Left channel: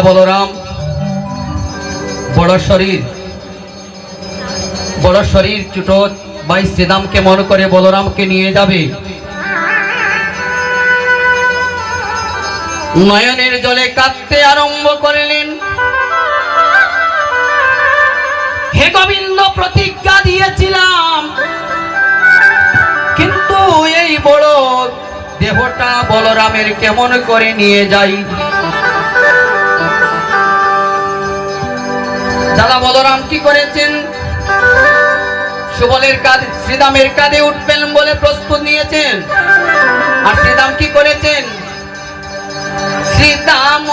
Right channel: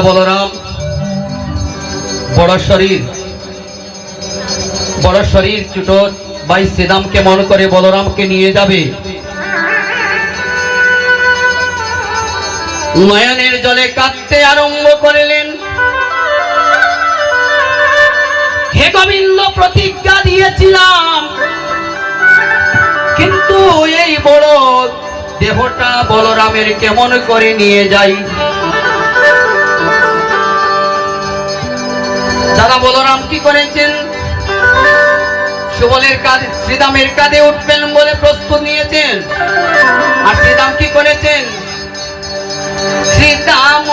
দাদা বলরাম বড় শরীর ছোট ভাই শ্রীরামকে মনে করে বলরামকে নিয়ে যাবে। নয়নের জলে কাঁদতে আরম্ভ করলেন। হে গোবিন্দ, প্রতিজ্ঞা দিয়েছিলাম, কিন্তু এই বড় দেহটা বলরামের কেমন করে নিয়ে যাই। দাদা বলরাম কি করেছেন? সুবলের কাঁধে শ্রীরামের কাঁধে উঠবেন বলে প্রস্তুত নিয়েছেন। আর শ্রীরাম কি করেছেন? শ্রীরাম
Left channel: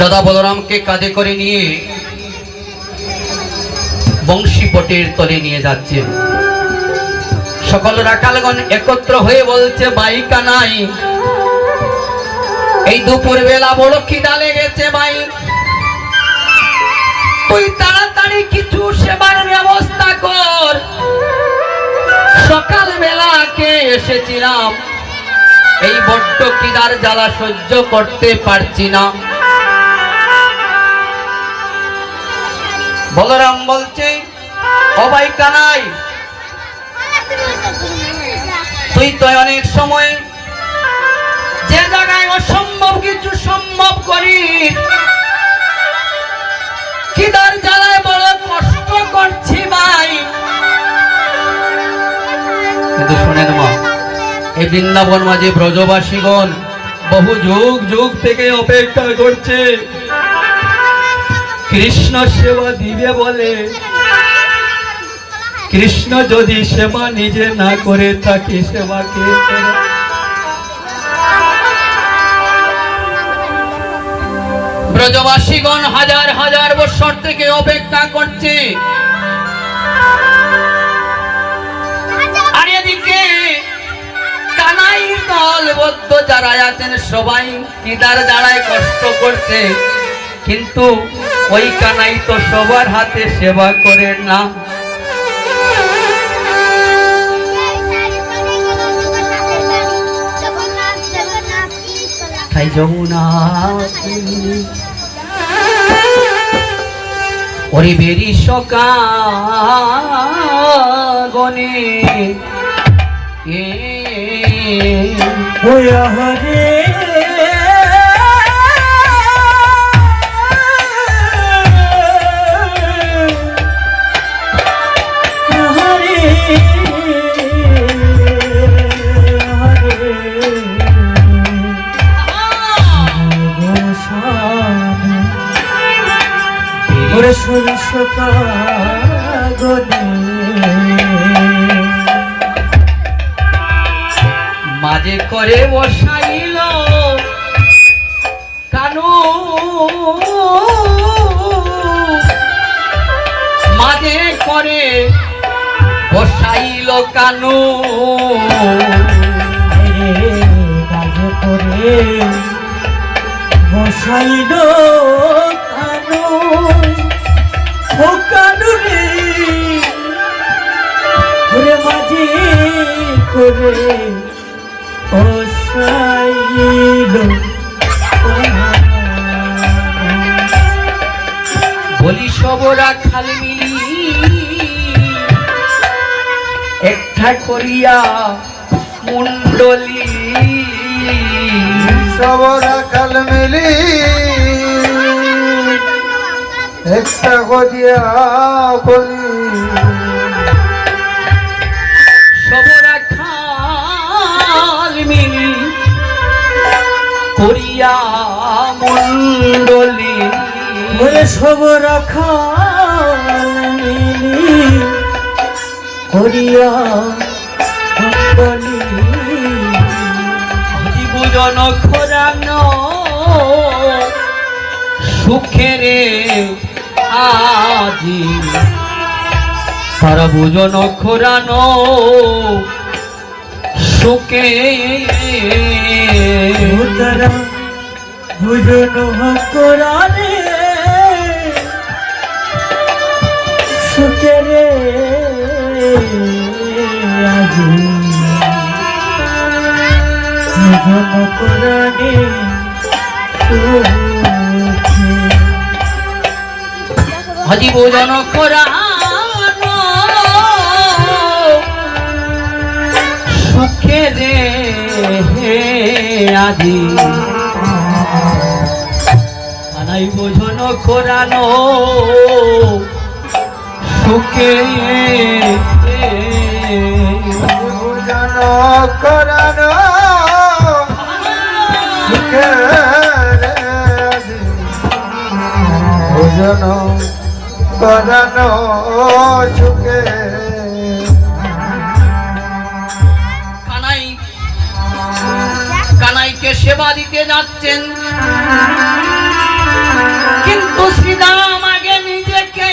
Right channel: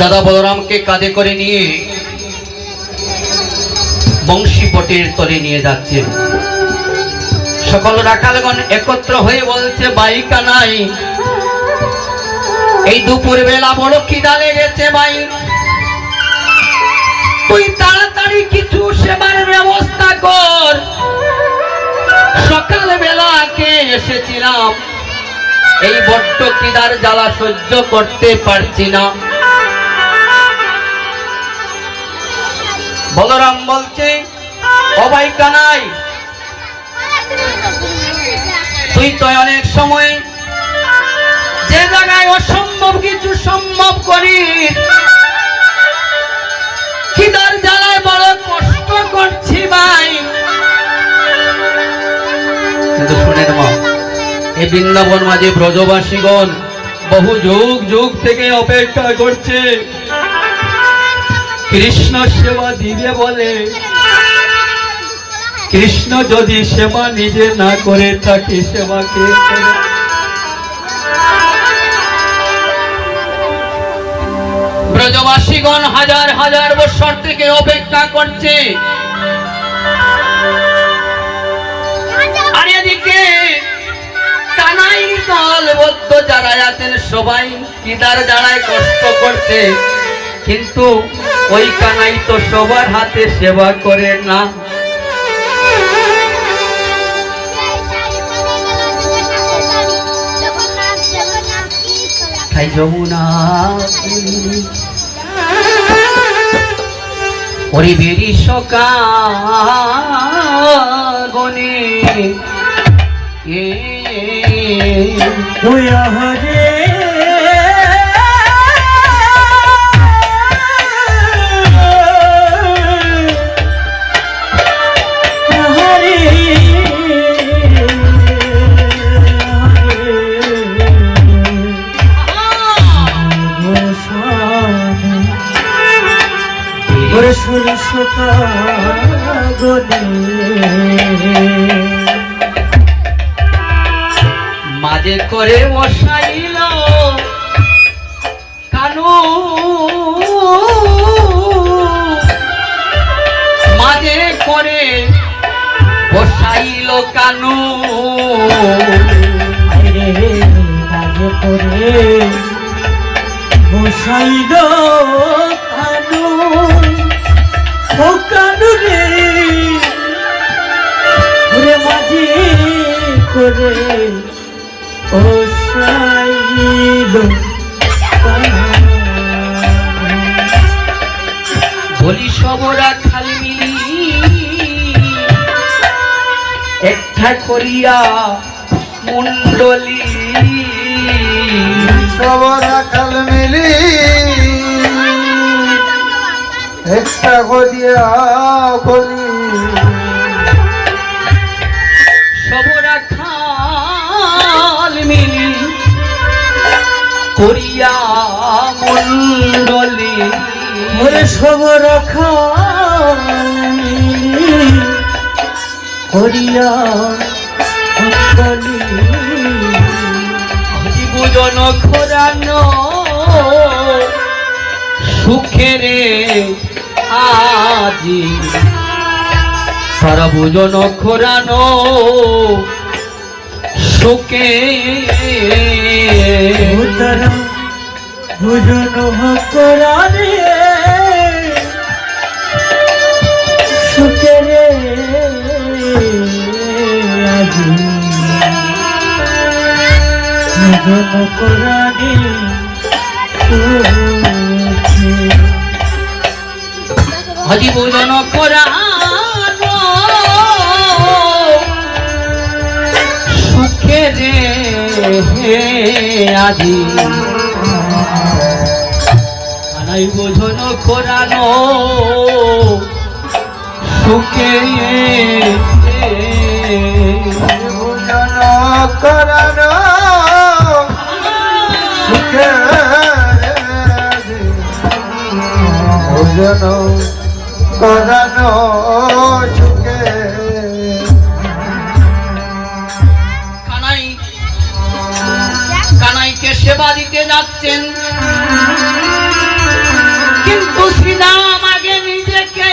দাদা বলরামকে কাঁধে করে নিয়ে বংশী বটের তলে নিয়ে যাচ্ছেন। সকল রাখালগণ একত্র হয়ে বলছে, ভাই কানাই, এই দুপুর বেলা বড় খিদা লেগেছে ভাই, তুই তাড়াতাড়ি কিছু সেবার ব্যবস্থা কর। সকাল বেলা কে এসেছিলাম, এই বড্ড খিদার জ্বালা সহ্য করতে পারছি না। বলরাম বলছে, ও ভাই কানাই, তুই তো অনেক সময় যে জায়গায় অসম্ভব কিছু সম্ভব করিস, খিদার জ্বালায় বড় কষ্ট করছি ভাই। কিন্তু শুনেন মা, এই বৃন্দাবন মাঝে ব্রজবাসীগণ বহু যুগ যুগ থেকে অপেক্ষা করছে কৃষ্ণ সেবা দিবে বলে। কৃষ্ণ যদি সেবা নিজে না করে তাকে সেবা কে করে? ব্রজবাসীগণ হাজার হাজার বছর থেকে অপেক্ষা করছে। আর এদিকে কানাই দলবদ্ধ যারা আছেন সবাই খিদার জ্বালায় কষ্ট করছে, কিন্তু ওই কানাই তো সবার হাতে সেবা করে না। যমুনা ওরে বেরি সকাগনে হরে সরিষ কাগনে মাঝে করে বসাইল কানু, মাঝে করে বসাইল কানু, মাঝে করে বসাইল কানু, ও কানু রে মাঝে করে বলি সবরা খালি একটা করিয়া কুণ্ডলী, সবরা কাল মিলি একটা করিয়া করি, সবরা খাল মিলি করিয়া মণ্ডলী, সবর খালি করিয়া মণ্ডলী, জীবন খোরানো সুখেরে আজি, সর্বজন খোরানো সুখে ভোজন করারে সুখেরে আজি, ভোজন করারে হজি ভোজন খোরানো সুখেরে আজি, আনাই বোঝন খোরানো সুখে করানো সুখে ভোজন করানো সুখে। কানাই কানাইকে সেবা দিতে যাচ্ছেন, কিন্তু শ্রীরাম আগে নিজেকে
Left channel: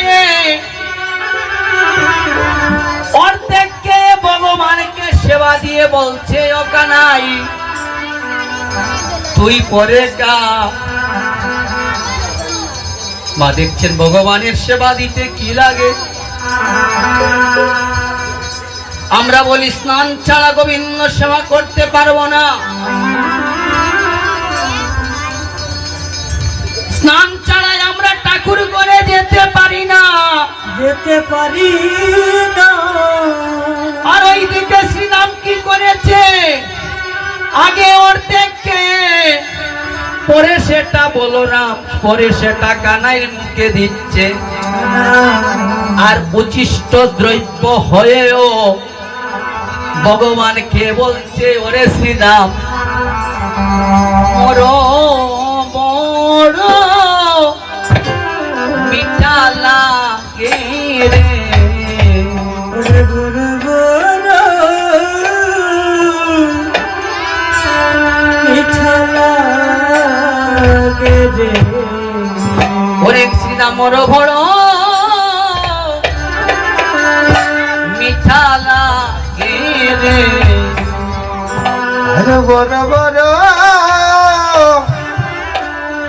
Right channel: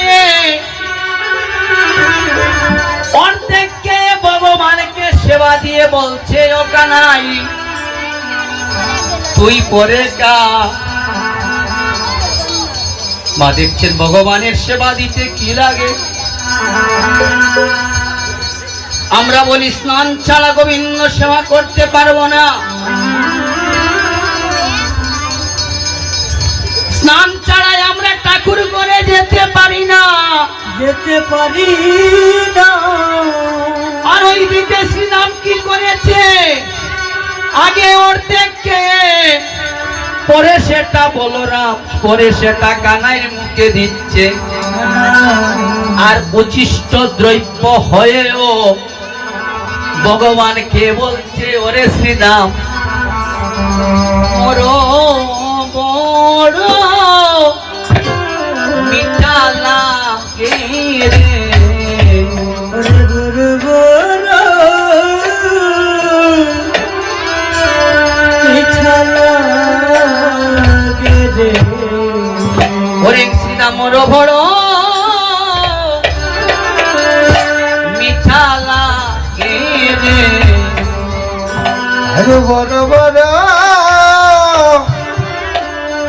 অর্ধেককে ভগবানকে সেবা দিয়ে বলছে, ও কানাই তুই পরে কা। মা দেখছেন ভগবানের সেবা দিতে কি লাগে। আমরা বলি স্নান ছাড়া গোবিন্দ সেবা করতে পারবো না, স্নান ছাড়াই আমরা ঠাকুর করে যেতে পারি না, যেতে পারি না। আর ওইদিকে শ্রীরাম কি করেছে, আগে অর্ধেককে পরে সেটা বলরাম, পরে সেটা কানাইয়ের মুখে দিচ্ছে, আর উচ্ছিষ্ট দ্রব্য হয়েও ভগবানকে বলছে, ওরে শ্রীরাম বড় বড় মিঠা লাগে রে, ওরে শ্রীরাম বড় মিঠা লাগে রে, বড় বড়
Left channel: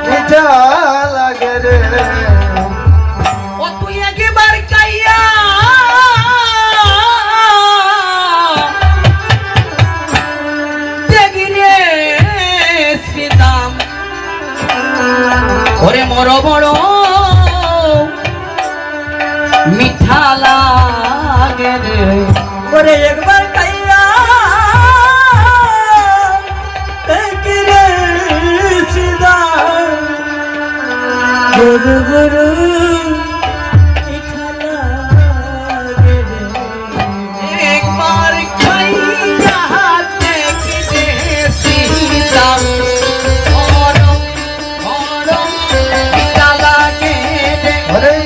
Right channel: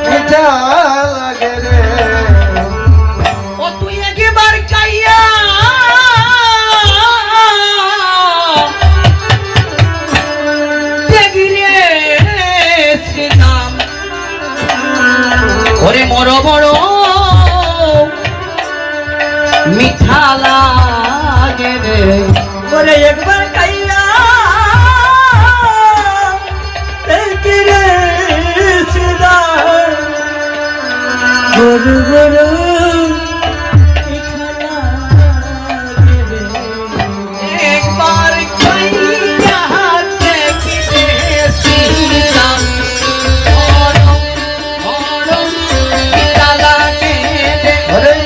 মিঠা লাগে রে, ও তুই একবার খাইয়া দেখি রে শ্রীরাম, ওরে বড় বড় মিঠা লাগে রে, ওরে একবার খাইয়া দেখি রে শ্রীরাম, গরু গরু মিঠা লাগে রে, একবার খাইয়া দেখি রে শ্রীরাম, বড় বড় মিঠা লাগে রে, ওরে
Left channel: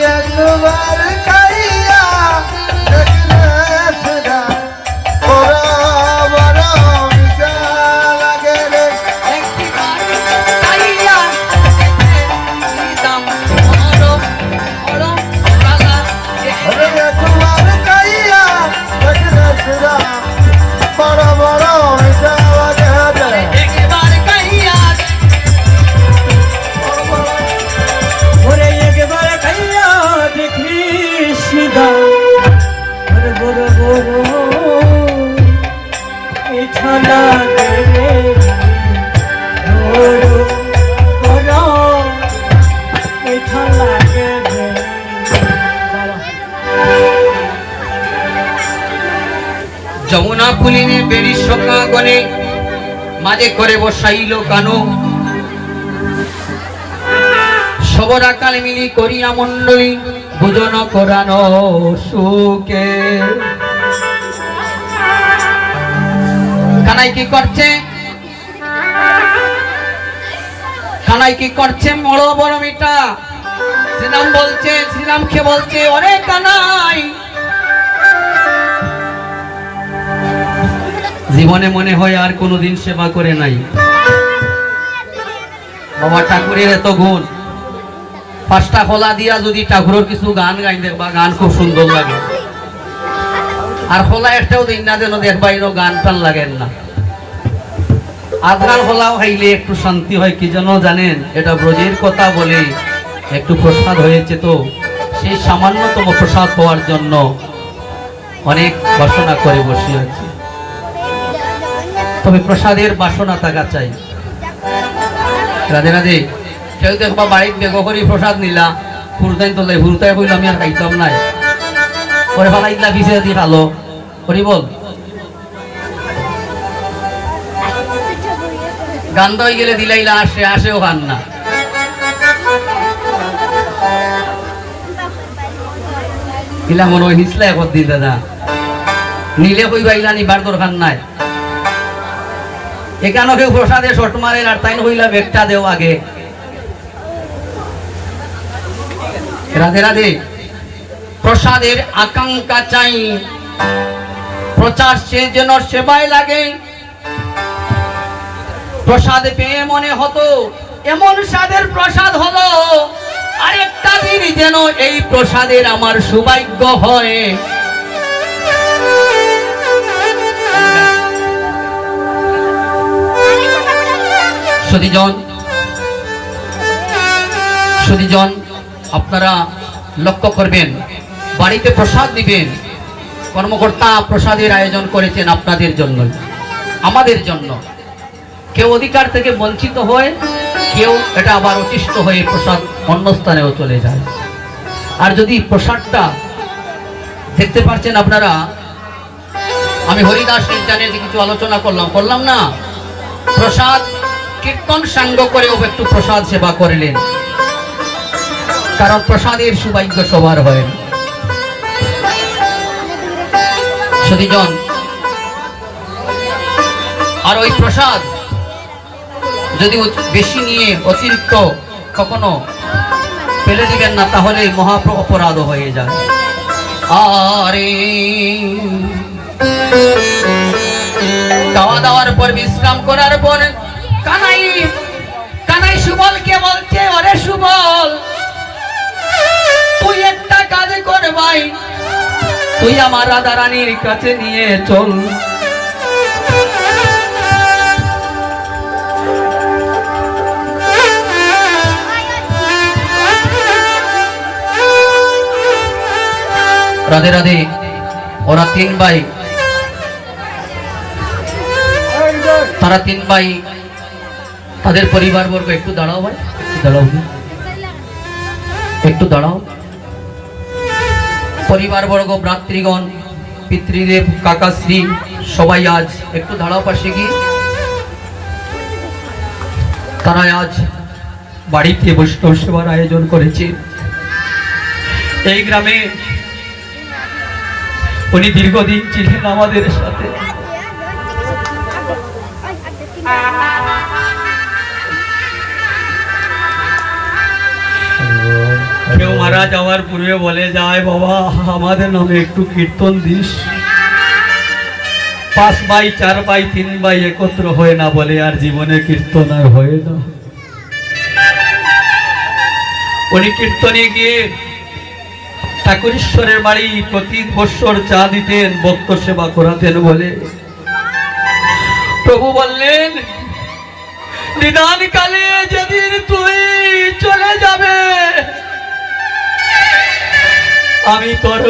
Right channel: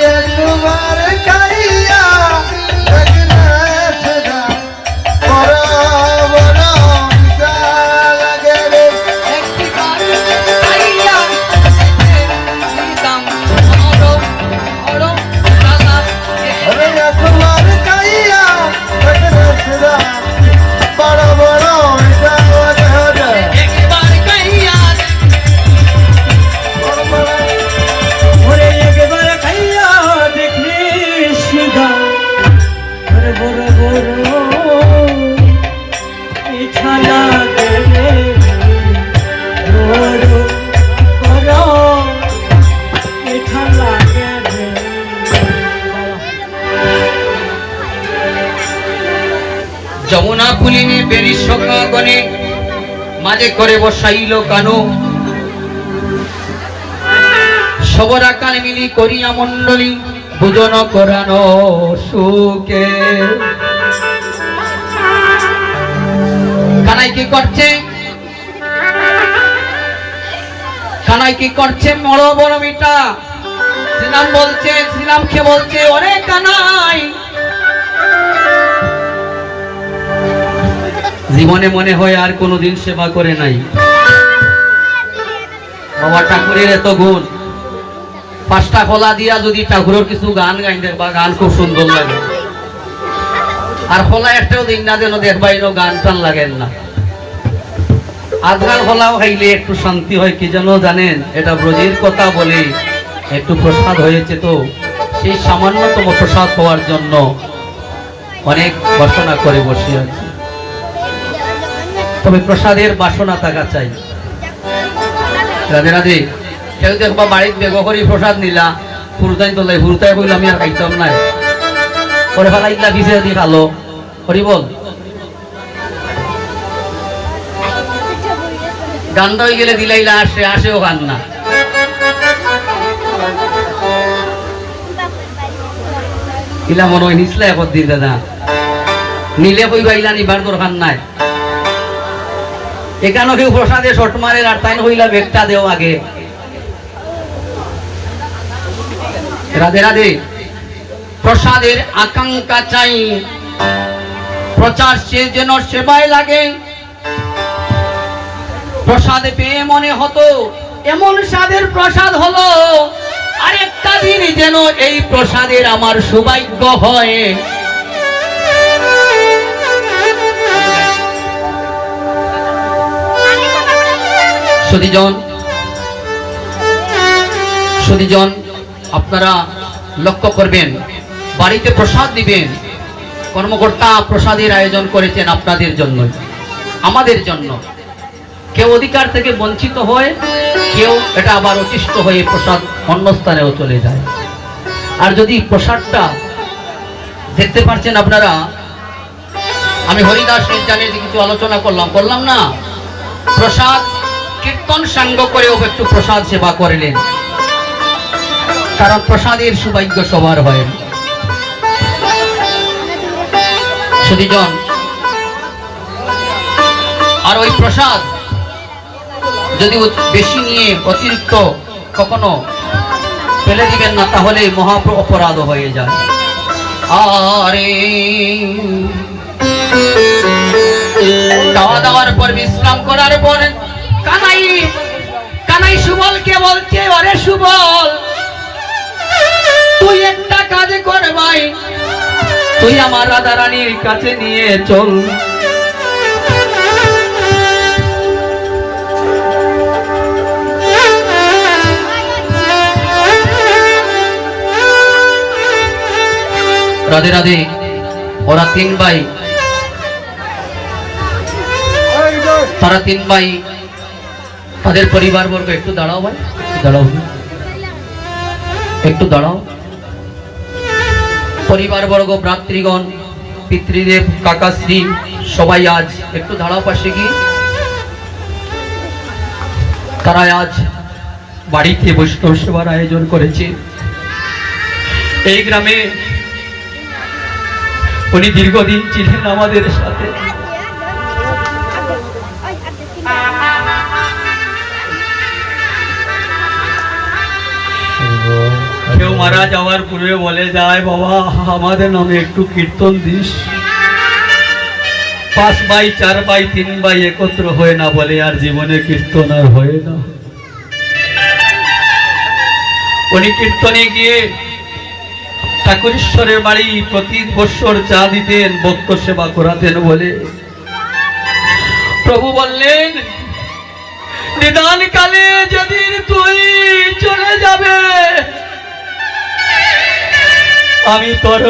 মাঝে করে বসাইল কানু সবরা কাল মিলি করিয়া মন্ডলী ভোজন করানো সুখে। কানাই কি করছে? কানাই কি করছে? বড় বড় মিটা শ্রীরাম বলছে, শ্রীরামকে বলছে, ওরে কানাই, জীবনে মনে হয় আর কোনোদিন সেবা করে নাই। বাবা ঠাকুরের এত গুণ, 5টা খোলা দিয়া যদি ঠাকুরের কিছু গান গাই দেখবা, গান খুব সুন্দর লাগে। আর খোলা একটাও দিন না যেন দেখবাইরও গান টান লাগেন না। আজকাল খোলাও খাইলে একটু শান্তি হয়, কি যেন জানেন, এটা ব্রজের কথা বলে একটু প্রসাদ হয়েছে, তো সেই সামান্যতম প্রসাদ হওয়ার জন্য অনেক বাসনা করে বসে আছে। তবে প্রসাদের বাসনা থাকা চাই। রাধে রাধে। কেউ দেখবা বাড়ির বেগ করি প্রসাদ নিলা, ফুরতাই তোলাই, ফুরতাই বললে আমি আর খাইতাম নাই, পরে ফালাইলা বিছে দিয়ে খালো, করি বল গান্ধ হয়ে গেলে দিলাইলা আসে, আসেও খান না। দিলা মনে হয় নিচলা এখন দিন দাদা, নিলে কই বাইলা নিবার দরকার নাই। এখানে কেউ প্রসাদে শট মারে আর তাই হইলা বেগটা দেও আগে। রাধে রাধে। প্রসাদের আকাঙ্ক্ষা চাই, প্রচার সে যেন সেবায় লাগে। প্রসাদ পেয়ে মনে হতো এমন স্বাদের প্রসাদ হলো, আরেকটা দিন যেন এই প্রসাদের আমার সৌভাগ্য হয়। সুধীজন, আপনারা লক্ষ্য করবেন, বাড়িতে প্রসাদ দিবেন, কর্মকর্তা প্রসাদের আয়োজন করেছেন আপনাদের জন্য, আমাদের জন্য। কেউ অধিকার থেকে বঞ্চিত হয়, কেউ এটা আবার অতিষ্ঠ হয়ে প্রসাদ অন্য স্থানেও চলে যায়। আর যদি প্রসাদটা দেখতে পাচ্ছেন আপনারা, আমি হরিদাস নির্যানের কিছু আলোচনা করলাম না, প্রসাদ কীর্তন সাঙ্গ করেও একটু প্রসাদ সেবা করলেন, কারণ প্রসাদের সৌভাগ্য সবার হয়। সুধীজন, আর ওই প্রসাদ যদি বেশি নিয়ে অতিরিক্ত কখনো ফেলে দিবেন না, তাহলে মহা অপরাধ হয়ে যায়। আরে খাওয়া দাওয়ার পর বিশ্রাম করার পর কানাই সুবলকে বলছে, ওরে সুবল, তুই একটা কাজ কর ভাই, তুই আমার রাধা রানীর কাছে নিয়ে চল। রাধে রাধে। ওরা 3 ভাই, তারা 3 ভাই, তাদের পরিবার বর্গ, একটু দাঁড়াও ভাই, দাঁড়াও, একটু দাঁড়াও। পরিবার বর্গ, ভ্রাতৃগণ, পিতৃদেব, কাকাশ্রী, সবাই আজ একটু দাঁড়াও পাশে গিয়ে। তারা আজ বাড়িতে বৈষ্ণব সেবার আয়োজন করেছে। এই গ্রামে উনি দীর্ঘদিন ছিলেন আমাদের সাথে। কেউ মারা যাওয়ার পূর্বে বলে যায়, বাবা আমাদের নামে একটু কীর্তন দিস। 5 ভাই, 4 ভাই, 3 ভাই একত্র হয় না বলে আর জীবনে কীর্তন আর হয় না। উনি কীর্তনে গিয়ে ঠাকুরেশ্বরের বাড়ি প্রতি বৎসর চা দিতেন, ভক্ত সেবা করাতেন বলে। প্রভু বললেন, নিদান কালে যেদিন তুই চলে যাবে, আমি তোর